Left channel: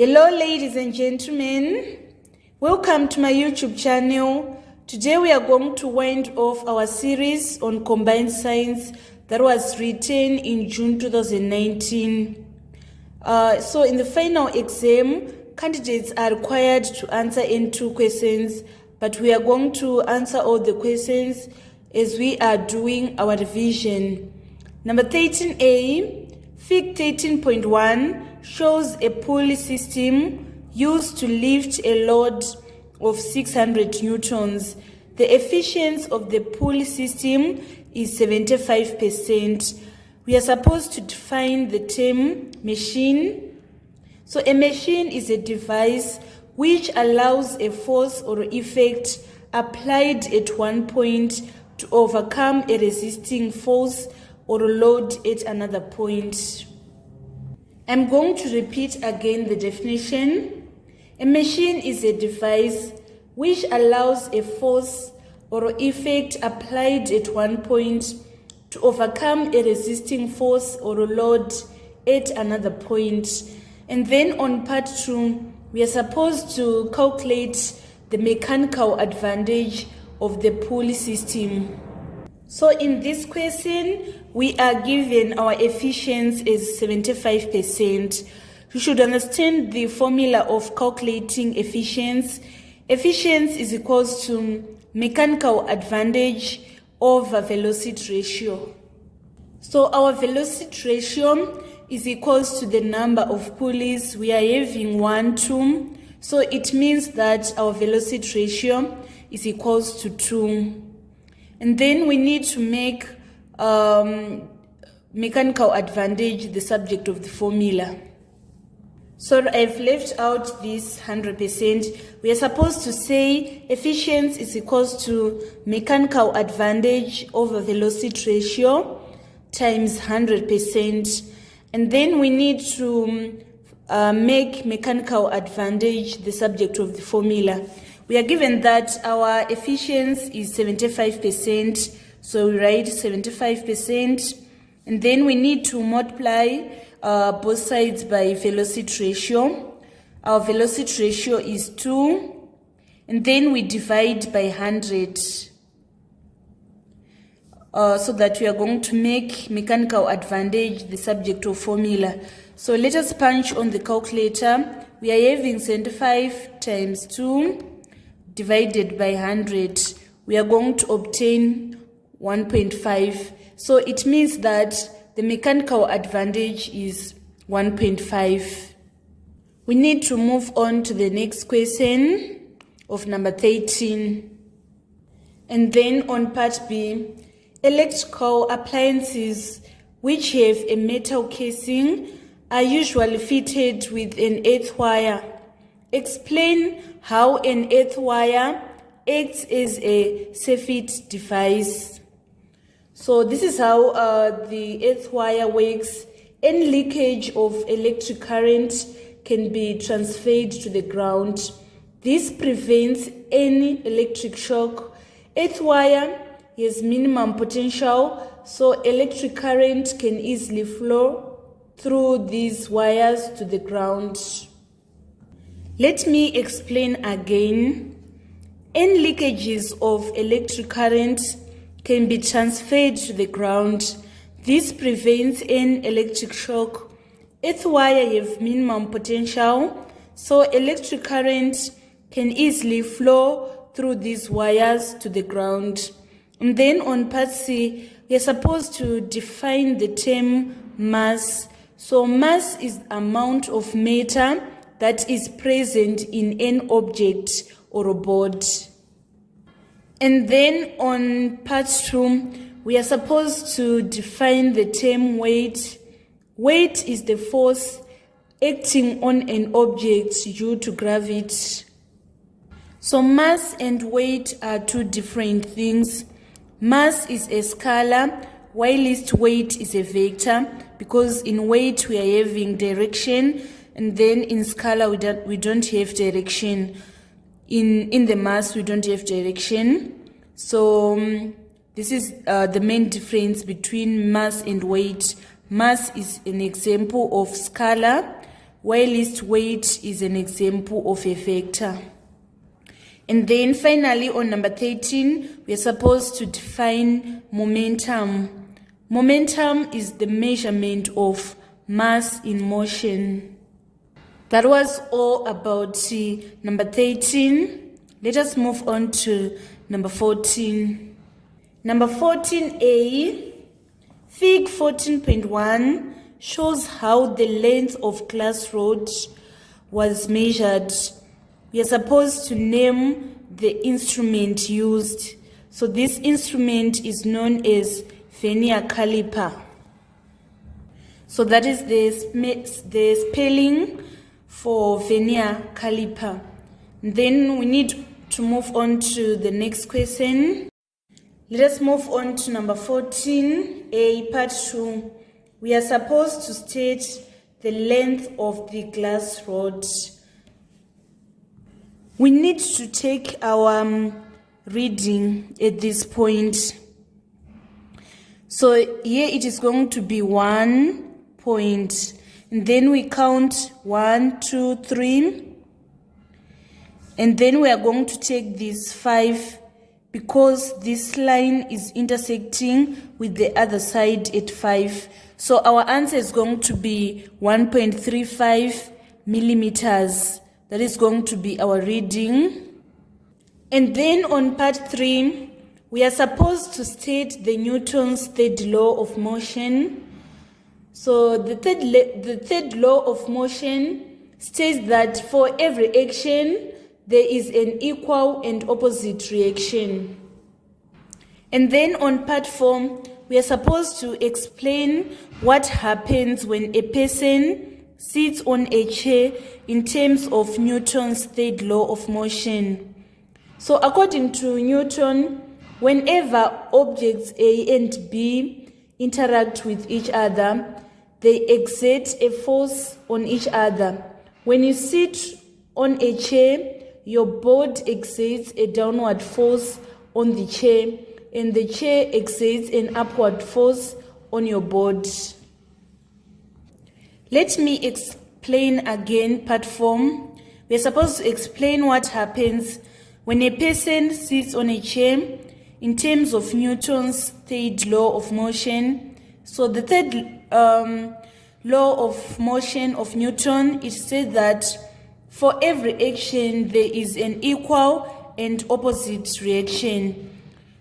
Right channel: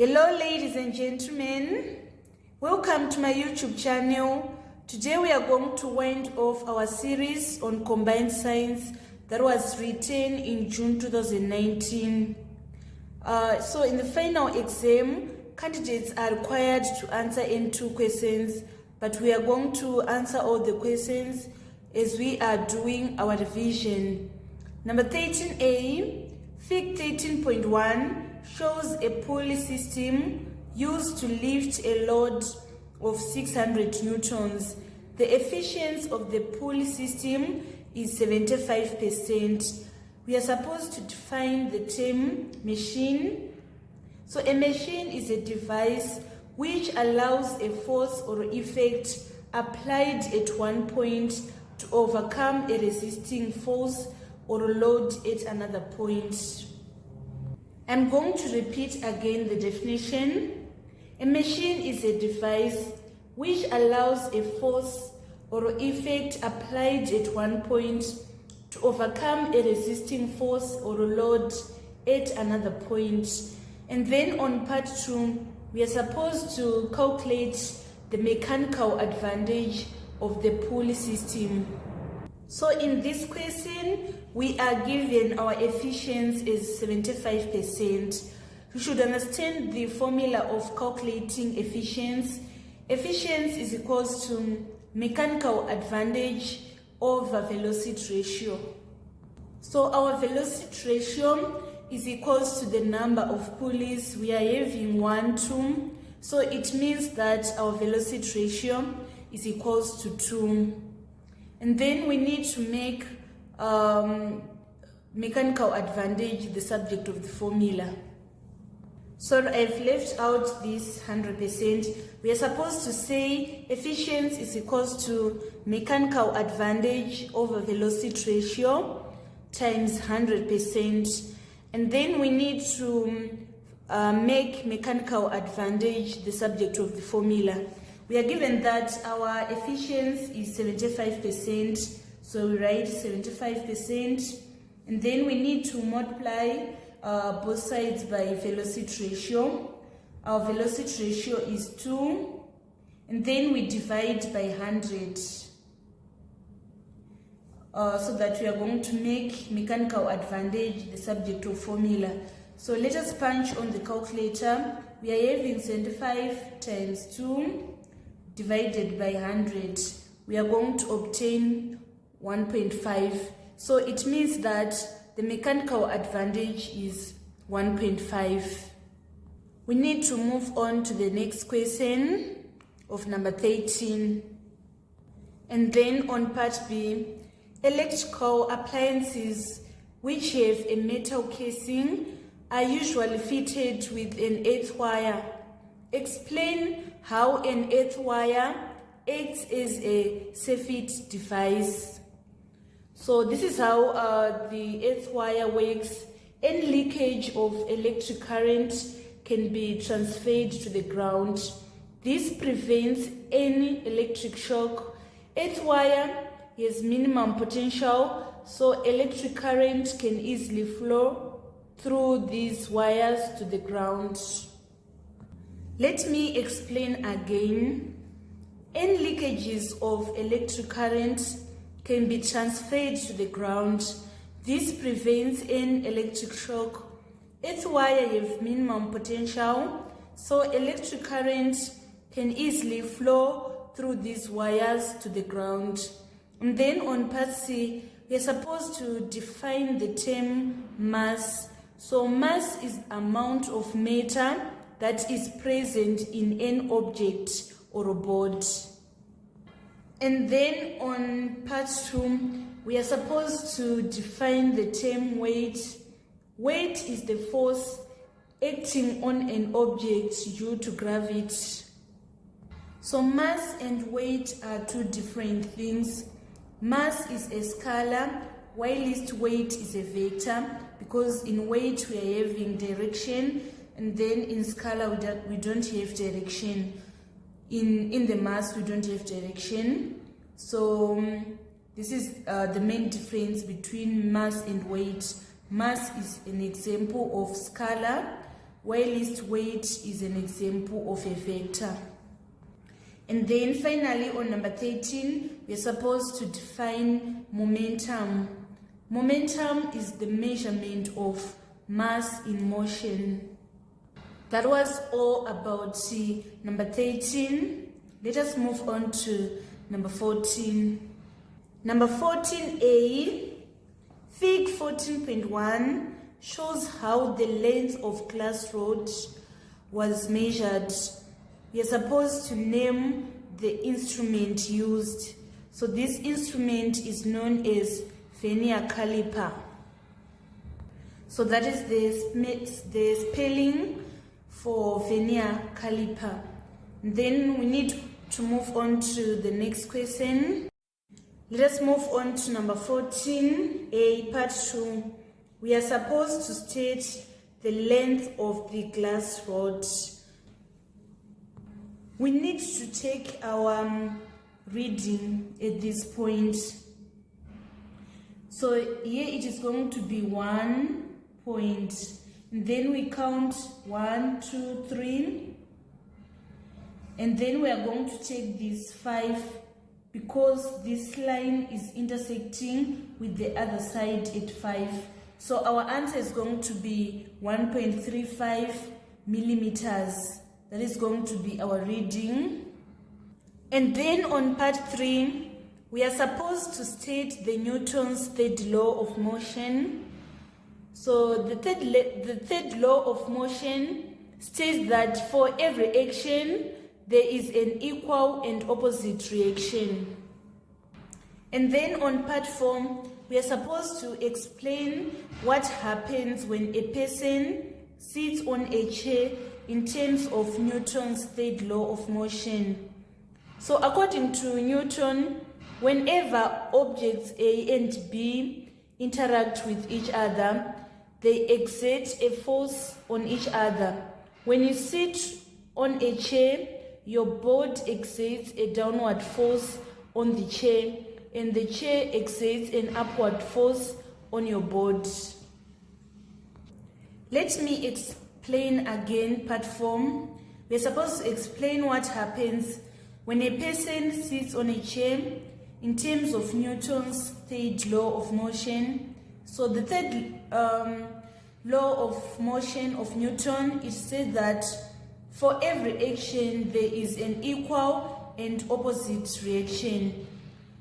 Hello ladies and gentlemen, welcome to my YouTube channel. Today we are going to wind off our series on combined science that was written in June 2019. So in the final exam, candidates are required to answer N2 questions, but we are going to answer all the questions as we are doing our revision. Number 13A, Fig 13.1 shows a pulley system used to lift a load of 600 newtons. The efficiency of the pulley system is 75%. We are supposed to define the term machine. So a machine is a device which allows a force or effect applied at one point to overcome a resisting force or load at another point. I'm going to repeat again the definition. A machine is a device which allows a force or effect applied at one point to overcome a resisting force or load at another point. And then on part 2, we are supposed to calculate the mechanical advantage of the pulley system. So in this question, we are given our efficiency as 75%. You should understand the formula of calculating efficiency. Efficiency is equals to mechanical advantage over velocity ratio. So our velocity ratio is equals to the number of pulleys. We are having 1, 2. So it means that our velocity ratio is equals to 2. And then we need to make mechanical advantage the subject of the formula. So I've left out this 100%. We are supposed to say efficiency is equals to mechanical advantage over velocity ratio times 100%. And then we need to make mechanical advantage the subject of the formula. We are given that our efficiency is 75%, so we write 75%, and then we need to multiply both sides by velocity ratio. Our velocity ratio is 2, and then we divide by 100, so that we are going to make mechanical advantage the subject of formula. So let us punch on the calculator. We are having 75 times 2 divided by 100, we are going to obtain 1.5. So it means that the mechanical advantage is 1.5. We need to move on to the next question of number 13. And then on part B, electrical appliances which have a metal casing are usually fitted with an earth wire. Explain how an earth wire acts as a circuit device. So this is how the earth wire works. Any leakage of electric current can be transferred to the ground. This prevents any electric shock. Earth wire has minimum potential, so electric current can easily flow through these wires to the ground. Let me explain again. Any leakages of electric current can be transferred to the ground. This prevents an electric shock. Earth wire have minimum potential, so electric current can easily flow through these wires to the ground. And then on part C, we are supposed to define the term mass. So mass is amount of matter that is present in an object or a board. And then on part 2, we are supposed to define the term weight. Weight is the force acting on an object due to gravity. So mass and weight are two different things. Mass is a scalar, whilst weight is a vector, because in weight we are having direction, and then in scalar we don't have direction. In the mass we don't have direction. So this is the main difference between mass and weight. Mass is an example of scalar, while least weight is an example of a vector. And then finally on number 13, we are supposed to define momentum. Momentum is the measurement of mass in motion. That was all about number 13. Let us move on to number 14. Number 14a, Fig 14.1 shows how the length of glass rod was measured. We are supposed to name the instrument used. So this instrument is known as vernier caliper. So that is the spelling for vernier caliper. Then we need to move on to the next question. Let us move on to number 14a, part 2. We are supposed to state the length of the glass rod. We need to take our reading at this point. So here it is going to be 1 point. And then we count 1, 2, 3. And then we are going to take this 5 because this line is intersecting with the other side at 5. So our answer is going to be 1.35 millimeters. That is going to be our reading. And then on part 3, we are supposed to state the Newton's third law of motion. So the third law of motion states that for every action, there is an equal and opposite reaction. And then on part 4, we are supposed to explain what happens when a person sits on a chair in terms of Newton's third law of motion. So according to Newton, whenever objects A and B interact with each other, they exert a force on each other. When you sit on a chair, your board exerts a downward force on the chair, and the chair exerts an upward force on your board. Let me explain again part 4. We are supposed to explain what happens when a person sits on a chair in terms of Newton's third law of motion. So the third law of motion of Newton, it said that for every action there is an equal and opposite reaction.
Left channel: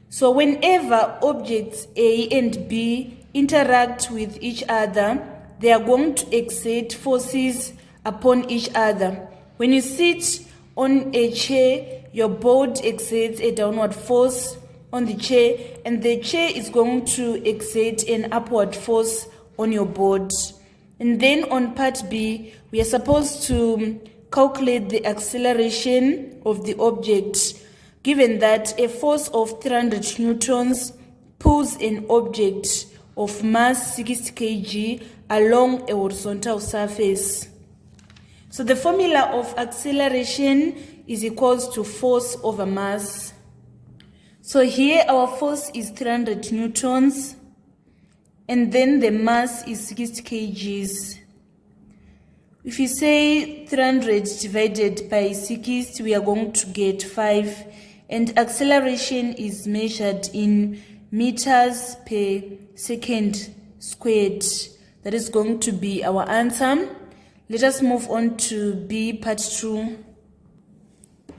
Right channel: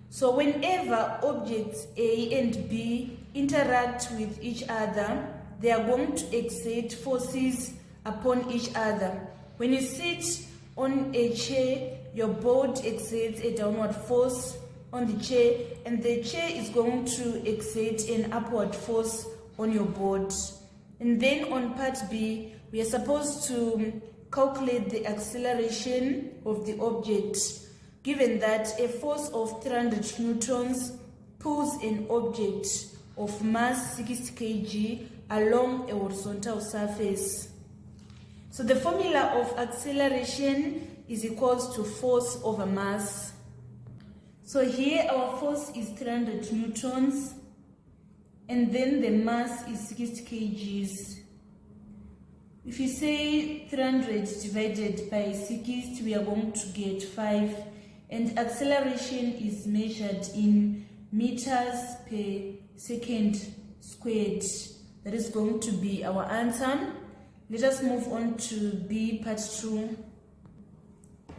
So whenever objects A and B interact with each other, they are going to exert forces upon each other. When you sit on a chair, your board exerts a downward force on the chair, and the chair is going to exert an upward force on your board. And then on part B, we are supposed to calculate the acceleration of the object, given that a force of 300 newtons pulls an object of mass 60 kg along a horizontal surface. So the formula of acceleration is equals to force over mass. So here our force is 300 newtons, and then the mass is 60 kgs. If you say 300 divided by 60, we are going to get 5. And acceleration is measured in meters per second squared. That is going to be our answer. Let us move on to B part 2.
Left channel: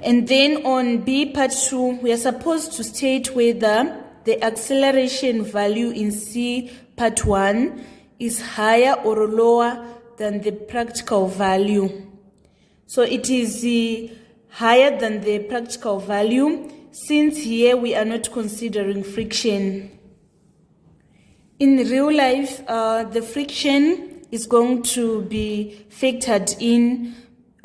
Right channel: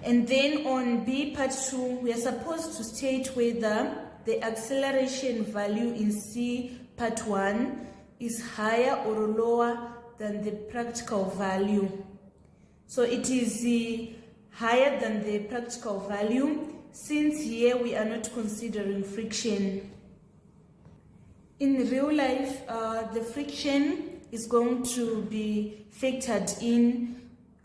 And then on B part 2, we are supposed to state whether the acceleration value in C part 1 is higher or lower than the practical value. So it is higher than the practical value, since here we are not considering friction. In real life, the friction is going to be factored in,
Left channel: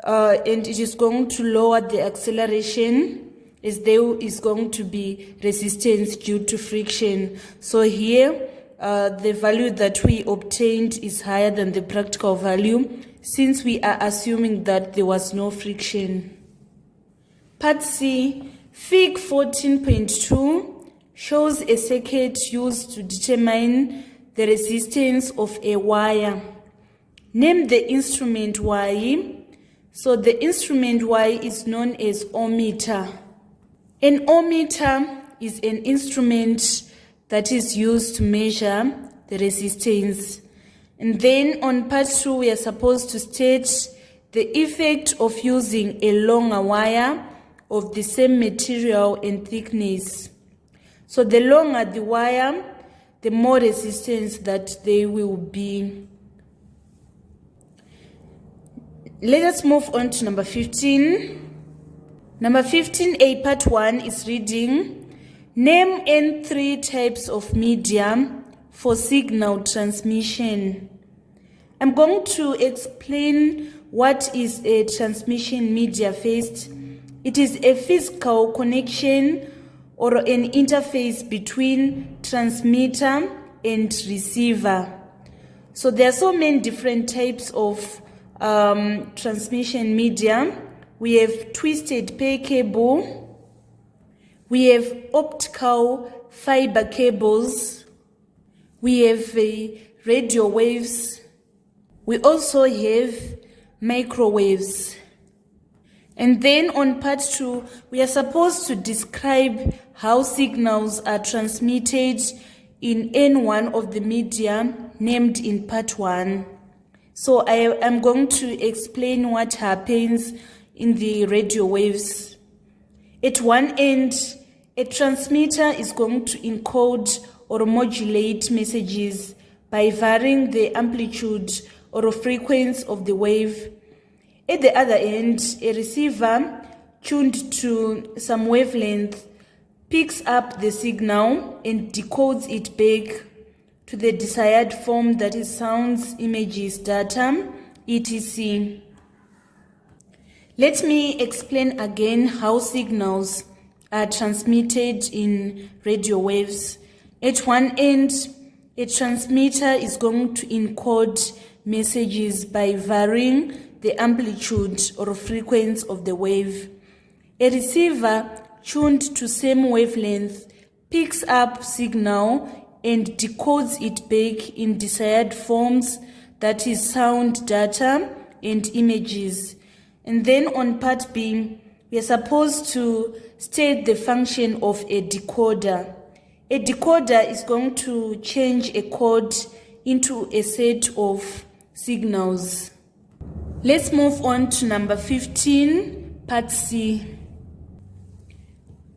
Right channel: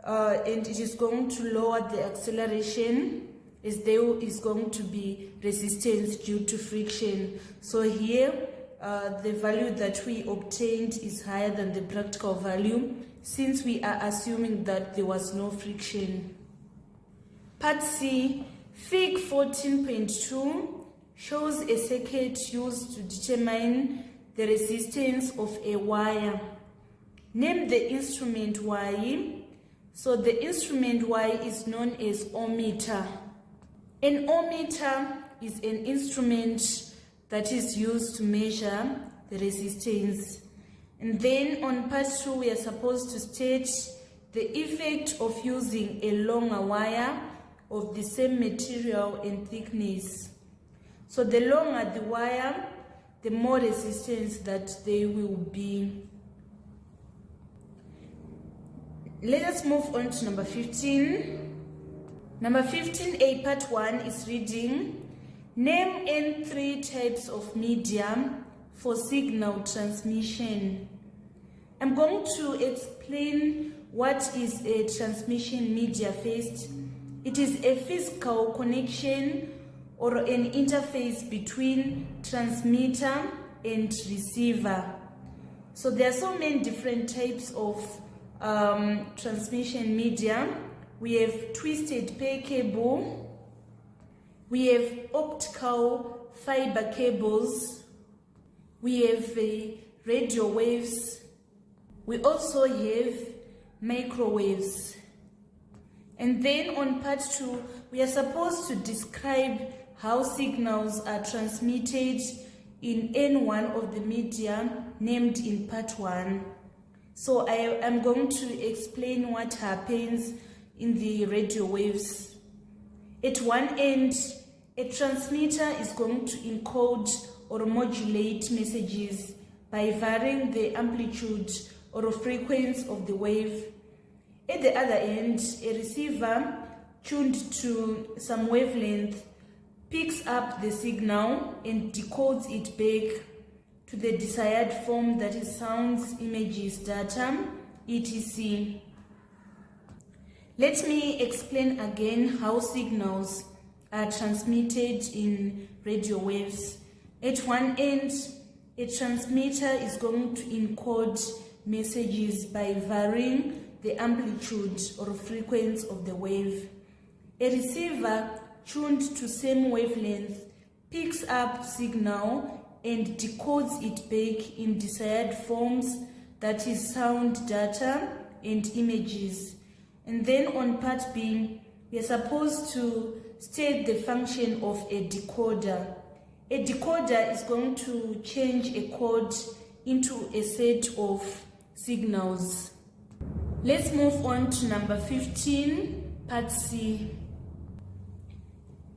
and it is going to lower the acceleration, as there is going to be resistance due to friction. So here, the value that we obtained is higher than the practical value, since we are assuming that there was no friction. Part C, Fig 14.2 shows a circuit used to determine the resistance of a wire. Name the instrument Y. So the instrument Y is known as ohmmeter. An ohmmeter is an instrument that is used to measure the resistance. And then on part 2, we are supposed to state the effect of using a longer wire of the same material and thickness. So the longer the wire, the more resistance that there will be. Let us move on to number 15. Number 15A, part 1 is reading, name any 3 types of media for signal transmission. I'm going to explain what is a transmission media first. It is a physical connection or an interface between transmitter and receiver. So there are so many different types of transmission media. We have twisted pair cable, we have optical fiber cables, we have radio waves, we also have microwaves. And then on part 2, we are supposed to describe how signals are transmitted in any one of the media named in part 1. So I am going to explain what happens in the radio waves. At one end, a transmitter is going to encode or modulate messages by varying the amplitude or frequency of the wave. At the other end, a receiver tuned to some wavelength picks up the signal and decodes it back to the desired form, that is sounds, images, data, etc. Let me explain again how signals are transmitted in radio waves. At one end, a transmitter is going to encode messages by varying the amplitude or frequency of the wave. A receiver tuned to same wavelength picks up signal and decodes it back in desired forms, that is sound, data, and images. And then on part B, we are supposed to state the function of a decoder. A decoder is going to change a code into a set of signals. Let's move on to number 15, part C.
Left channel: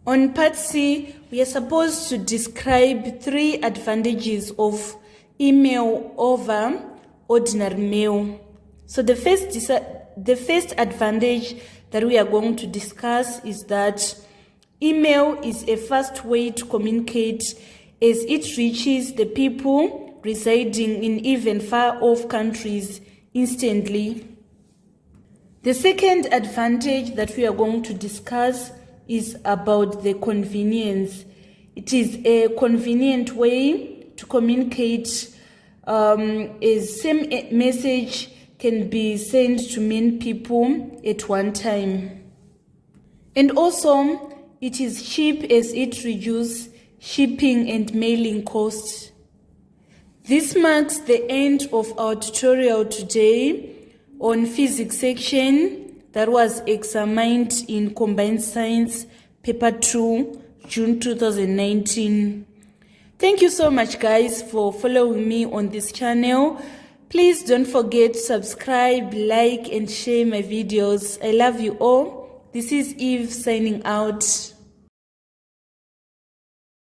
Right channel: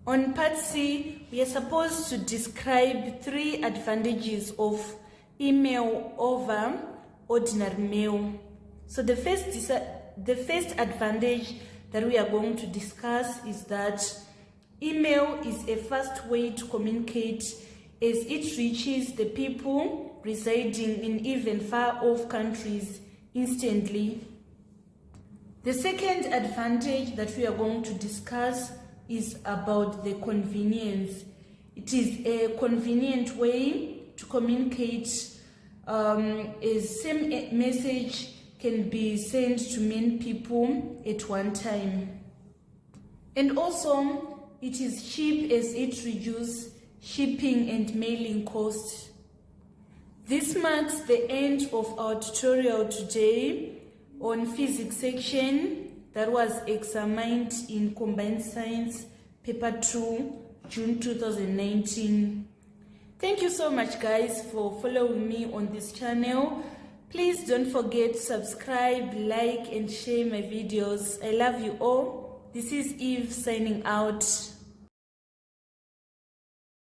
On part C, we are supposed to describe 3 advantages of email over ordinary mail. So the first advantage that we are going to discuss is that email is a fast way to communicate as it reaches the people residing in even far-off countries instantly. The second advantage that we are going to discuss is about the convenience. It is a convenient way to communicate. A same message can be sent to many people at one time. And also, it is cheap as it reduces shipping and mailing costs. This marks the end of our tutorial today on physics section that was examined in Combined Science Paper 2, June 2019. Thank you so much, guys, for following me on this channel. Please don't forget to subscribe, like, and share my videos. I love you all. This is Eve signing out.